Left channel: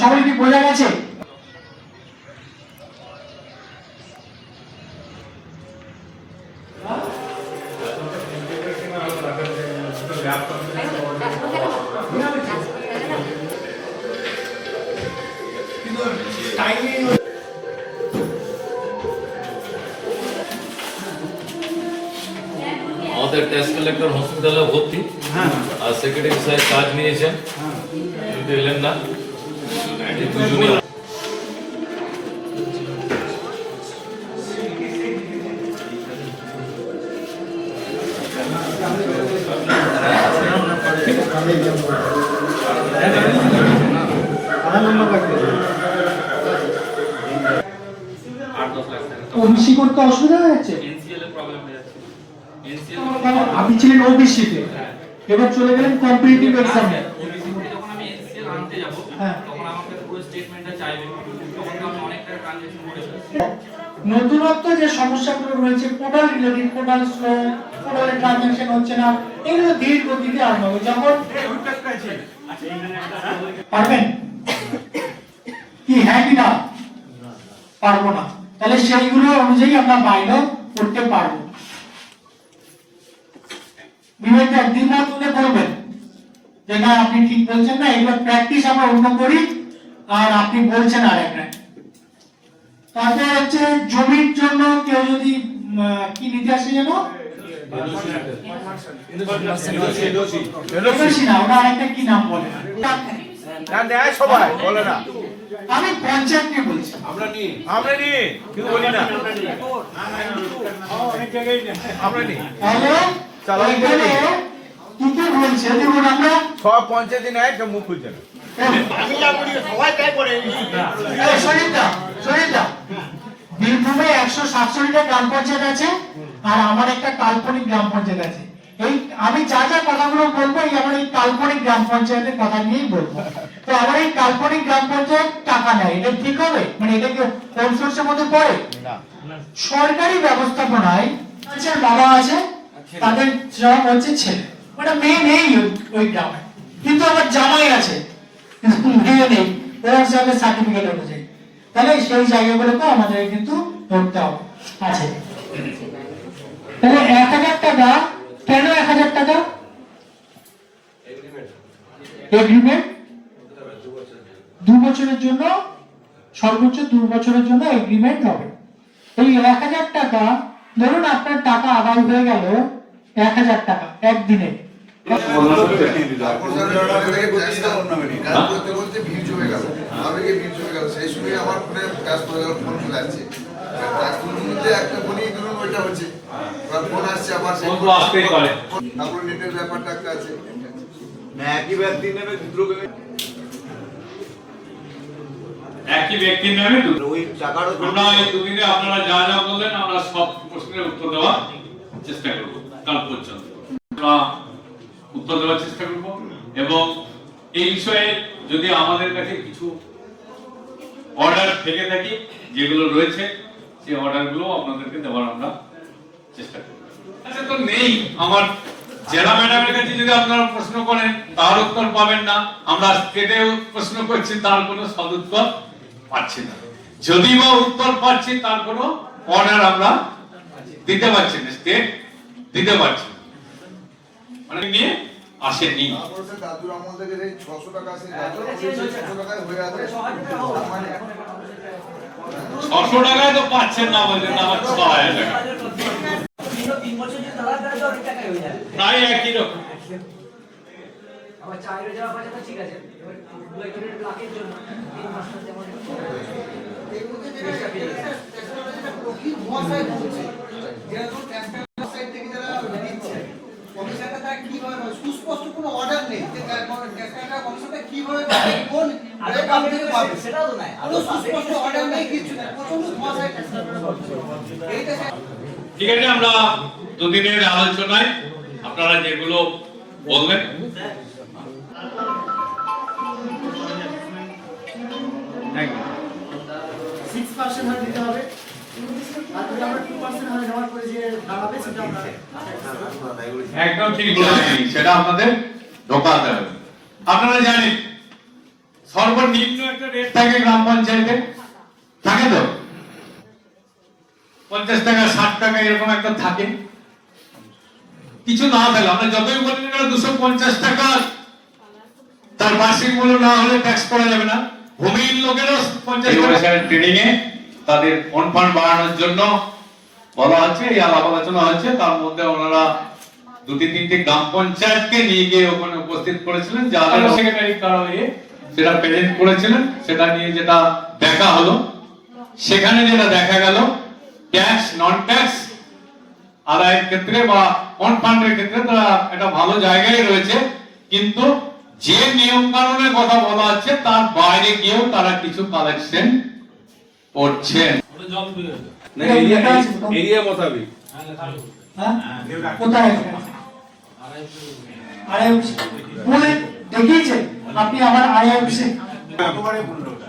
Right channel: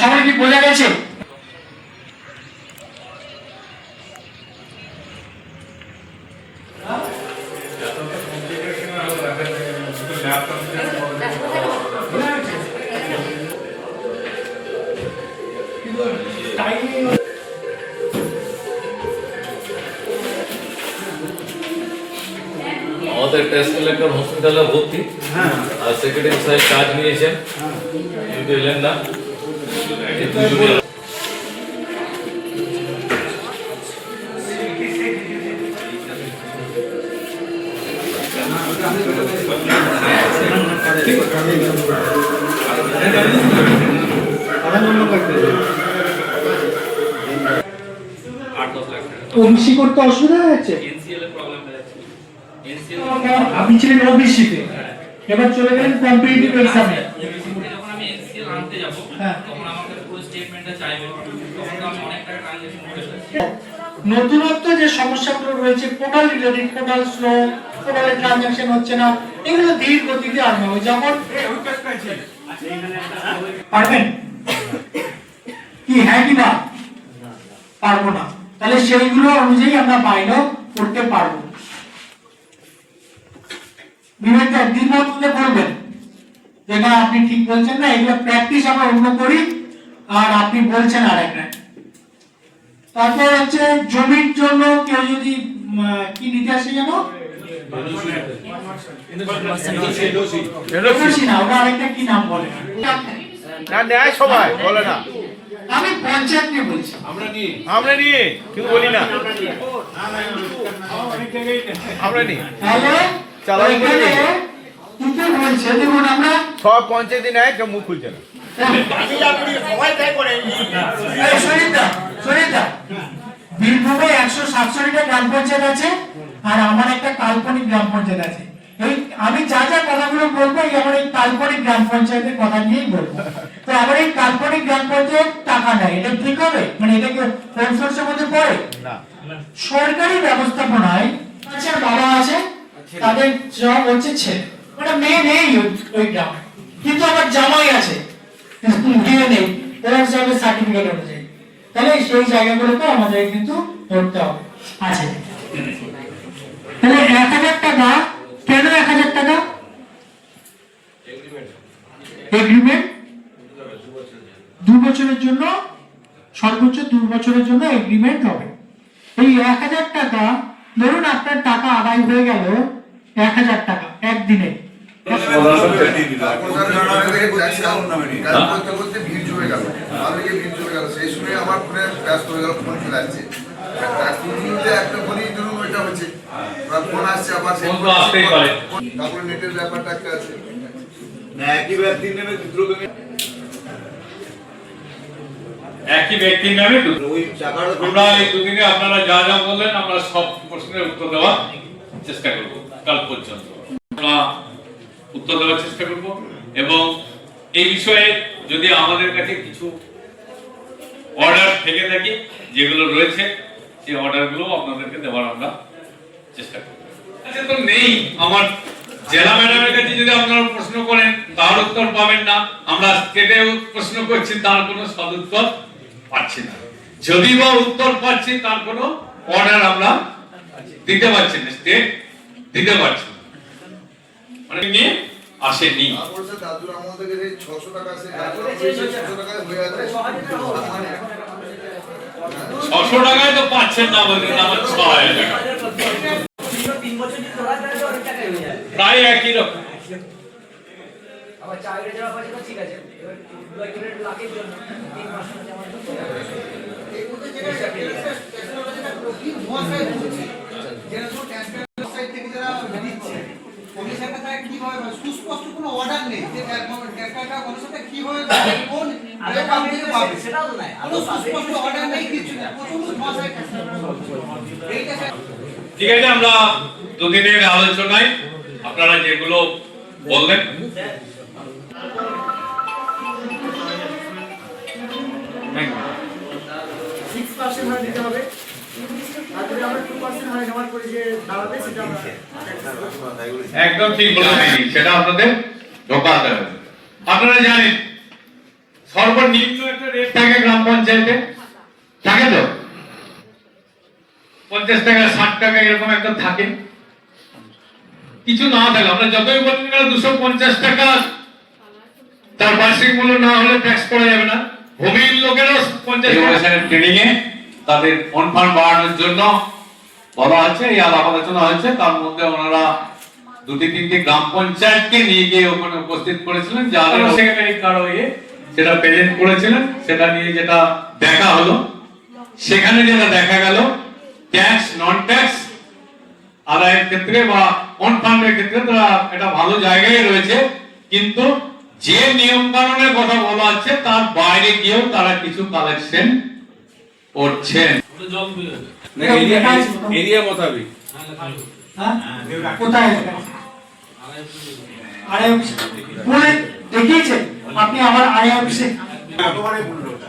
সবাই কি বোঝা গেছে? আমাদের টেস্ট কালেক্টর হসপিটালে ভর্তি, আর সেক্রেটারি সাহেব কাজ নিয়েছেন, কিন্তু এলেন না। ওবিসি করতে অসুবিধা হচ্ছে, আপনি ছিলেন ওবিসিতে, এবার চলে গেলেন কম্পিটিটিভ এক্সামে। যখন আমি এনসিএল আনতে যাব তখন আমাকে পুরো স্টেটমেন্টটা চাইবে, তখন তো আমি অনেক টাকা ট্রানজাকশন করে ফেলছি। নতুনত্ব যে সমস্যাগুলো রয়েছে, পোর্টাল রিলেটেড, পোর্টাল স্লো, পোর্টালে ট্রানজাকশন হচ্ছে না, এগুলো ধীর গতিতে আনতে হবে। যখন পারবেন কি, হ্যাঁ কি না? পারবো না, তাহলে সেইগুলো অনুযায়ী আমরা বাইরে করতে পারবো। বিবেকটা দ্বিমত তুলে করবেন, যেটা আপনি ঠিক বলছেন না, এগুলো প্র্যাকটিস আমরা অন্য করি, আর আপনি বলছেন আর একটা। তারপর হচ্ছে জমির জন্য কেউ যদি কি নিতে আসে যেন আরেকটা কি নাম বলে, সবাই বলে না, আমি পঞ্চায়েত নিয়ে বলছি। আমরা নিয়ে কেউ বলি না, আমরা নিয়ে সব পঞ্চায়েত নেয়, কেউ মুখ খুলছে না। বীরভূমে 147টা গ্রাম পঞ্চায়েত আছে, আর আমার একটা কাল্পনিক গ্রাম পঞ্চায়েত আছে। এই আমি যা যা কথাগুলো বলবো, এই আমার এই কাল্পনিক গ্রাম পঞ্চায়েতের কথা নিয়েই বলবো। তো আমার এই কাল্পনিক গ্রাম পঞ্চায়েত টাকা নেয়, এটা ঠিক হবে? মানে এটা কি কোন সোর্সের মধ্যে পড়ে? না, সরকারি ব্যবস্থাপনায় আছে, বাবা আছে, তাদের জব হচ্ছে ছেলে, মানে মেয়ে নেই ওই গ্রামে, কিন্তু আমার জামাই আছে, মেয়ে নেই, ওরা হিসাবে সার্টিফিকেট অনুযায়ী। তাহলে সেই জায়গাগুলোকে আমাদের কিন্তু ধরতে হবে। আছে তাহলে 1000 টাকা, কেন 1000 টাকা? এগ্রিমেন্ট 2 বছরের জন্য, সর্বোচ্চ 2 বছরের জন্য এগ্রিমেন্ট হবে। এই 1000 টাকা, ধরুন আপনার টাকা আদায় হয়ে গেল 1000 টাকা একদিনে, একই ব্যক্তির নামে আমরা এই দুদিনে আপনারা যা যা বললেন, আমরা সব প্রশ্নের উত্তর দেওয়ার চেষ্টা করব, কাল পর্যন্ত আমরা উত্তর দেওয়ার চেষ্টা করব। এবং এই বিষয়ে যদি আমাদের কাছে কিছু অর্ডার থেকে থাকে, যেগুলো রয়েছে, সেই অর্ডারগুলো আপনাদেরকে দেওয়ার আমরা চেষ্টা করব। আচ্ছা, তো নেই আমার জেলা ম্যাডামের কাছে যদি আপনারা প্রশ্ন করেন, তার উত্তর পাবেন না। আমরা স্টেটে প্রশ্ন করছি, তার কোনো সদুত্তর পাচ্ছি না। যদি বা উত্তর পাচ্ছি, তার কোনো অর্ডার আমরা দিতে পারছি না, স্টেট দিতে পারছি না, মানে নিয়ে আসেনি। 600 টাকায় তো পাচ্ছেন না, বলছেন আমার 6000 টাকা, প্রায় একই রকম। সুস্পষ্ট কোনো অর্ডার নেই, ঠিক আছে, আমরা দুদিনের আলোচনায় আপনারা যেগুলো বললেন, একদম ঠিক বলেছেন, সেটা আপনাদের ঢোকাতে হবে। আপনারা জানেন সর্বনিম্ন একটা রেট থাকে গ্রাম পঞ্চায়েতে, থাকে তো 50 টাকা 60 টাকা এরকম একটা থাকে। কিছু না থাকলে আমরা যতই বলি না 250 টাকা তার বার্ষিক মূল্য না হলে ট্যাক্স করা যাবে না। ভূমির লোকেরও 50 টাকা ট্রেনিং এ তাদের ফন্ড ফান্ড বাড়ানোর জন্য বলা আছে, এই আলাপ আলোচনা হচ্ছে। তার মধ্যে ওনারা 2-3টি গ্রাম পঞ্চায়েতকে নিয়ে গিয়ে ওখানে উপস্থিত করেছিলেন, যাদের সেক্রেটারি কার্ড হয়ে সেটা প্রেজেন্ট করেছিলেন। সেটা নিয়ে যেটা দেখা হলো, সেখানে যেটা দেখা গেল ট্যাক্স নন ট্যাক্স আদায়ের ক্ষেত্রে বা অন ফান্ডের ক্ষেত্রে তারা একটা ভালো জায়গায় রয়েছে, কিন্তু যে নিয়ম কানুনের কথা বলা হচ্ছে তার বাইরে গিয়েও তারা কিছু কালেকশন করছেন। জল বেরোবে। এরিয়া মোতাবেক হ্যাঁ? কোথায় আড়াই অফিসে বলে দেখিয়েছেন আপনি আমার আড়াই অফিসে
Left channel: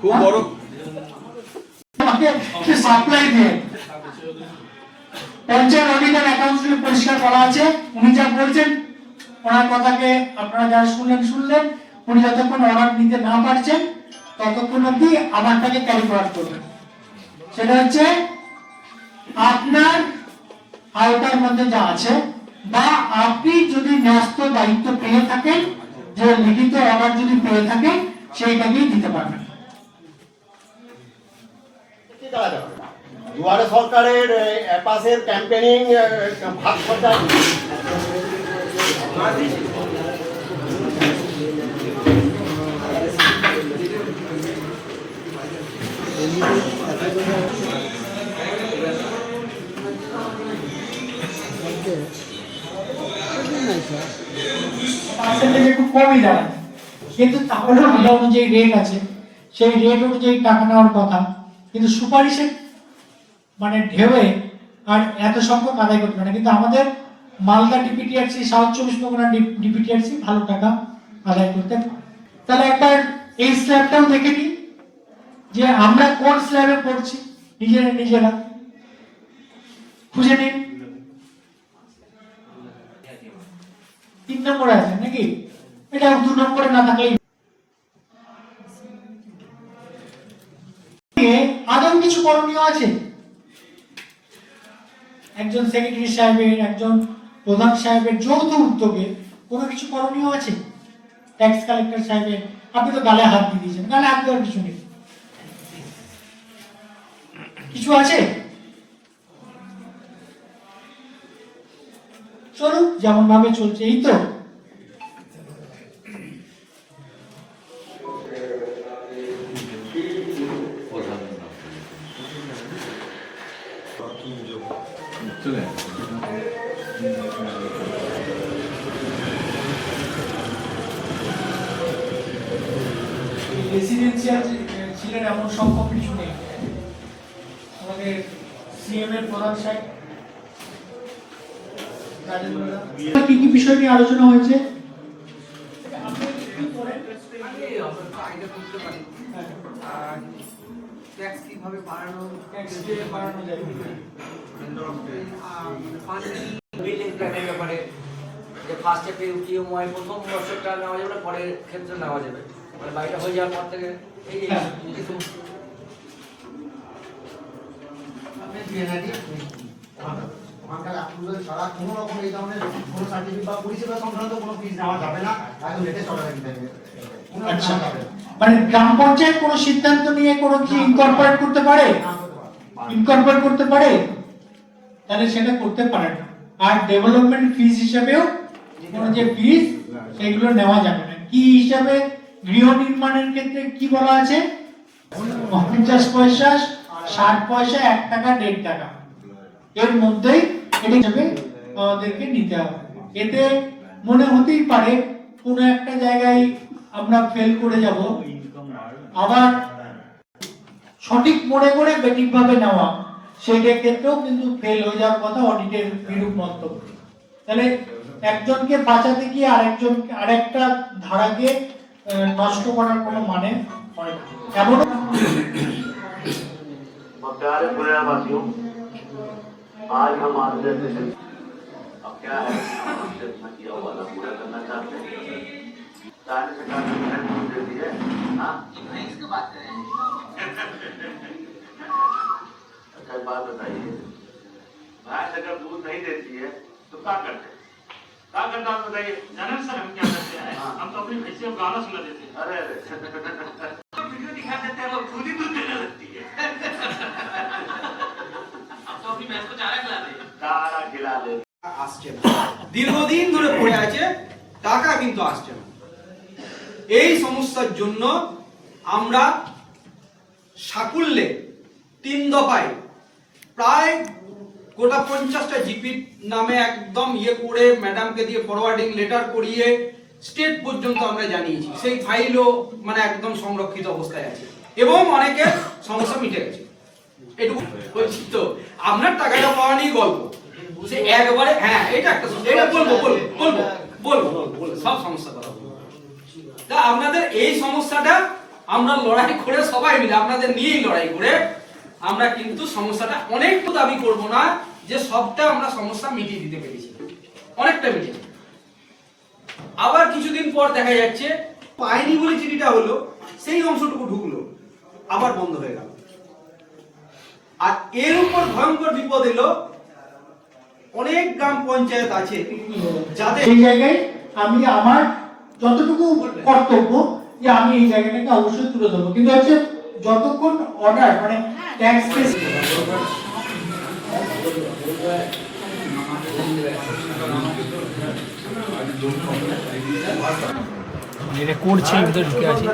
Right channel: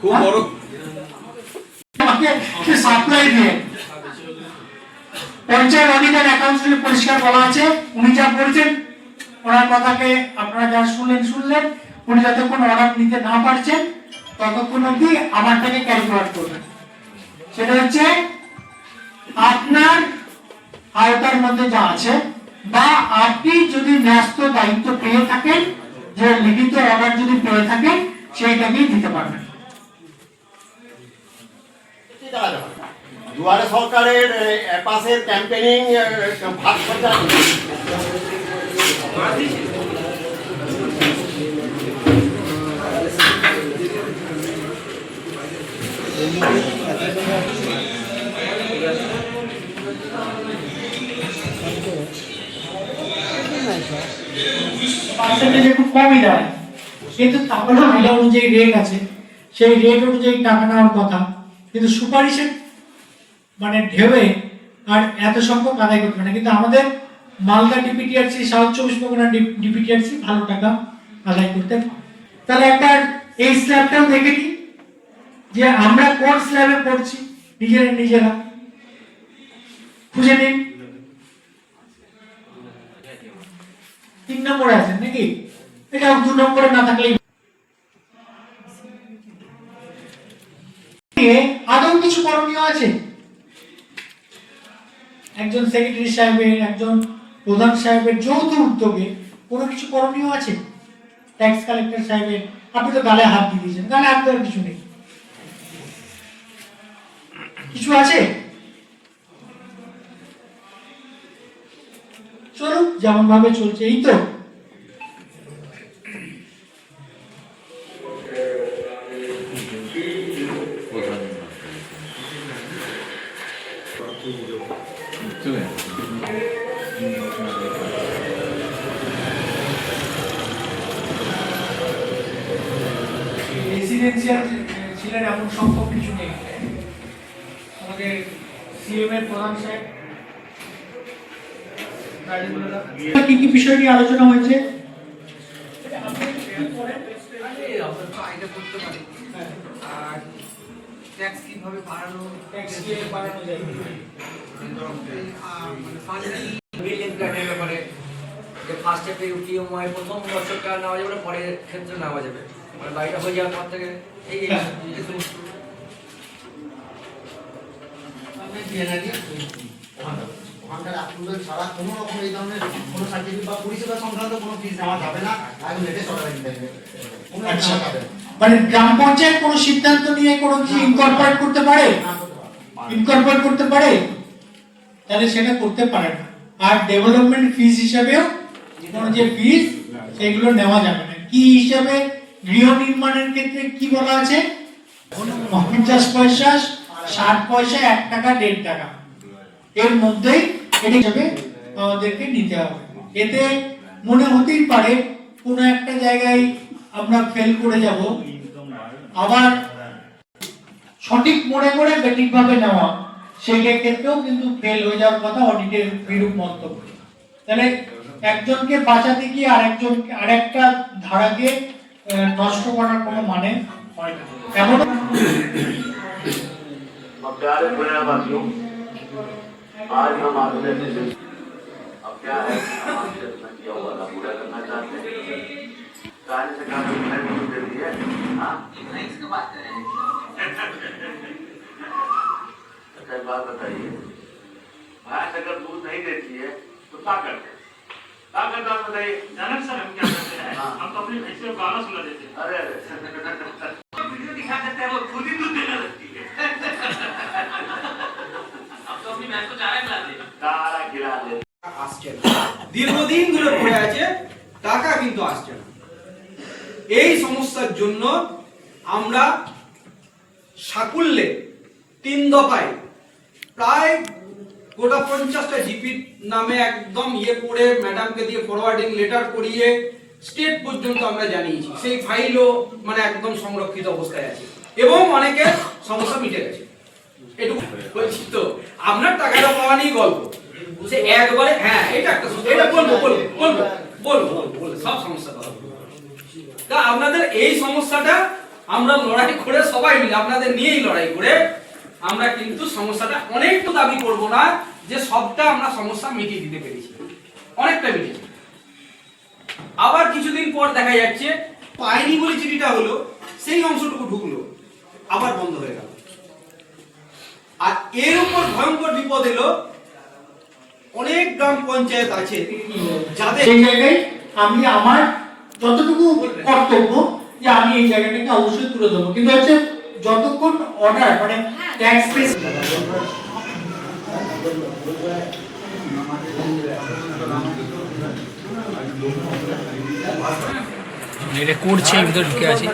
খুব বড় আপনি সাপ্লাই দিয়ে পঞ্চায়েত অডিট অ্যাকাউন্টস পরিষ্কার বলা আছে। উনি যা বলছেন ওনার কথাকে আপনারা যারা শুনলেন। উনি যতক্ষণ অর্ডার নিতে না পারছেন ততক্ষণ অব্দি আমারটাকে ক্যারি ফরওয়ার্ড করবেন। সেটা হচ্ছে আপনার আওতার মধ্যে যা আছে, বা আপনি যদি ন্যস্ত দায়িত্ব পেয়ে থাকেন, যে লিখিত অর্ডার যদি পেয়ে থাকেন, সেইটাকেই দিতে পারবেন। দুয়ারে সরকারের পাশের ক্যাম্পেইনিং ভাগ খরচা পার্সেন্টেজ একটু কমই দাঁড়ায়, কিন্তু তাহলে যেটা অনুযায়ী রেট আছে সেই রেট অনুযায়ী টাকা নেওয়ার কথা, কিন্তু সুপারিশের মানে ঢেউয়ে আর এত সংখ্যক আদায় করতে পারে না। কিন্তু আমাদের মালদা ডিপিটিআরসি, সাউথ 24 পরগনা ডিপিটিআরসি ভালো টাকা আদায় করতে পারে। তাহলে একবার এই স্ল্যাবটাও দেখে নিই যে আমরা কোন স্ল্যাবে পড়ছি, নিজেরা খুঁজে নিন। 3 নম্বরে আছে নাকি? এটা 2 নম্বরে না থাকলেই আদৌ কিছু করণীয় আছে? একজন সেক্রেটারি সাহেবের, একজন প্রধান সাহেবের যৌথ উদ্যোগে কোনো কিছু করণীয় আছে? ট্যাক্স কালেক্টর সাহেবের, আপনি তো গালে হাত দিয়ে দিয়েছেন, গালে হাত দেওয়ার কিছু নেই, কিছু আছে? চলুক যেমন ভাবে চলছে, এই তো। রেসিডেন্সিয়াল ছিলেন এমন সংখ্যক কিছু নেই। আমাদের সিএম এর প্রধান সাহেব কি কি বিষয় নিয়ে আলোচনা হয়েছে? আর ট্যাক্স কিভাবে বাড়ানো যায়, বিল্ডিং প্ল্যানের ব্যাপারে যে ফার্স্টে পিএমওয়াই প্রথম বছরটা নেওয়া যাবে না, পরের ক্ষেত্রে নেওয়া যাবে, মানে বাড়িটা হয়ে যাওয়ার পর থেকে এই ওখানকার অ্যাপ্রুভাল ছাড়া কোনো রকম এই ধরনের কোনো সার্টিফিকেট বা পরিষেবা সংক্রান্ত কোনো ফিস নেওয়া যাবে না, একদম লেটেস্ট অর্ডার দিতে হবে। আচ্ছা, মানে গ্রাম পঞ্চায়েত কোনো সিদ্ধান্ত নিয়ে কোনো কিছু ইনকর্পোরেট করতে পারে, তাহলে সেটা করতে পারে না। আর ডেভেলপমেন্ট ফিস হিসাবেও কোনো যে ফিস সেগুলো নেওয়া যাবে না। কি হিসাবে? গৃহ নির্মাণের ক্ষেত্রে কি বলা আছে? 50 পয়সা, 60 পয়সা, 1 টাকা, 1.5 টাকা, এর মধ্যেই এটা হিসাবে আমাদেরকে নিতে হবে। এতে মনে হতেই পারে কোনো একটা জায়গায় আমরা ফেল করে যাব, আবার সঠিক মনে করে বেঠিকভাবে নেওয়া সেটার ক্ষেত্রেও কিন্তু ফেল হয়ে যাওয়ার কথা, অডিটের বিরূপ মন্তব্য। তাহলে একজনকে বাঁচাতে গিয়ে আরেকটা ধারাকে নষ্ট করার কোনো মানে হয় না। এমন आज हम आपसे अब क्या है आपसे किया हुआ पूरा करना चाहते हैं। राज्य सरकार ने देती है। हाँ में गए जानन सर हम क्या करते हैं हम तो अपनी भैंसी को गाना सुना देते हैं अरे तो वीडियो दिखा देते हैं वो खुद ही दूध देने लगती है अब तो अपनी भैंस को चारा खिलाते हैं तारा खिला दे আসছে না দীর্ঘদিন ধরে পড়ে আছে টাকা কিন্তু আসছে না এই সমস্যার জন্য আমরা সাকুল্যে 3 দফায় প্রায় গোটা 50টা জিপি নামে একদম করে ম্যাডামকে দিয়ে ফরওয়ার্ডিং লেটার করিয়ে স্টেট পর্যন্ত আমরা জানিয়েছি সেই ফাইলও মানে একদম সংরক্ষিত অবস্থায় আছে এবং অনেকে সমস্যা মিটে গেছে এটুকু বলছি তো আপনার টাকাটা পাওয়া নিয়ে গল্প সে একবারে হ্যাঁ এটা একটা এটা বলবো সব সমস্যা কথা তা আপনাদের এই সমস্যাটা আমরা লড়াই করে সবাই মিলে আপনাদের নিয়েই লড়াই করে আমরা কিন্তু সমস্যাটা অনেক দাবি করব না যে সবটা আমরা সমস্যা মিটিয়ে দিতে পেরেছি অনেকটা মিটিয়ে আবার কিছুদিন পর দেখা যাচ্ছে পাইনি বলে চিঠিটা হলো সেই অংশটুকু ঢুকলো আবার বন্ধ হয়ে গেল আর এর উপর ভয়ঙ্কর বিপদ এলো অনেক গ্রাম পঞ্চায়েত আছে যাদের সেই জায়গায় আমি আমার যতটুকু কর্তব্য যে আমি এই জায়গাটাকে অবশ্যই তুলে দেবো কিন্তু হচ্ছে যতক্ষণ অর্ডার মানে ট্যাক্স পেস এটা করছে ভিতরে ঢুকে আছে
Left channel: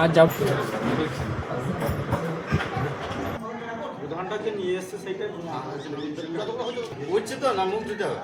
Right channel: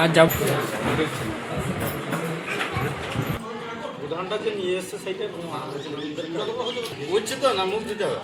আর যাব প্রধানটাকে নিয়ে এসছে সেইটা হচ্ছে তো না মুখ দিতে হবে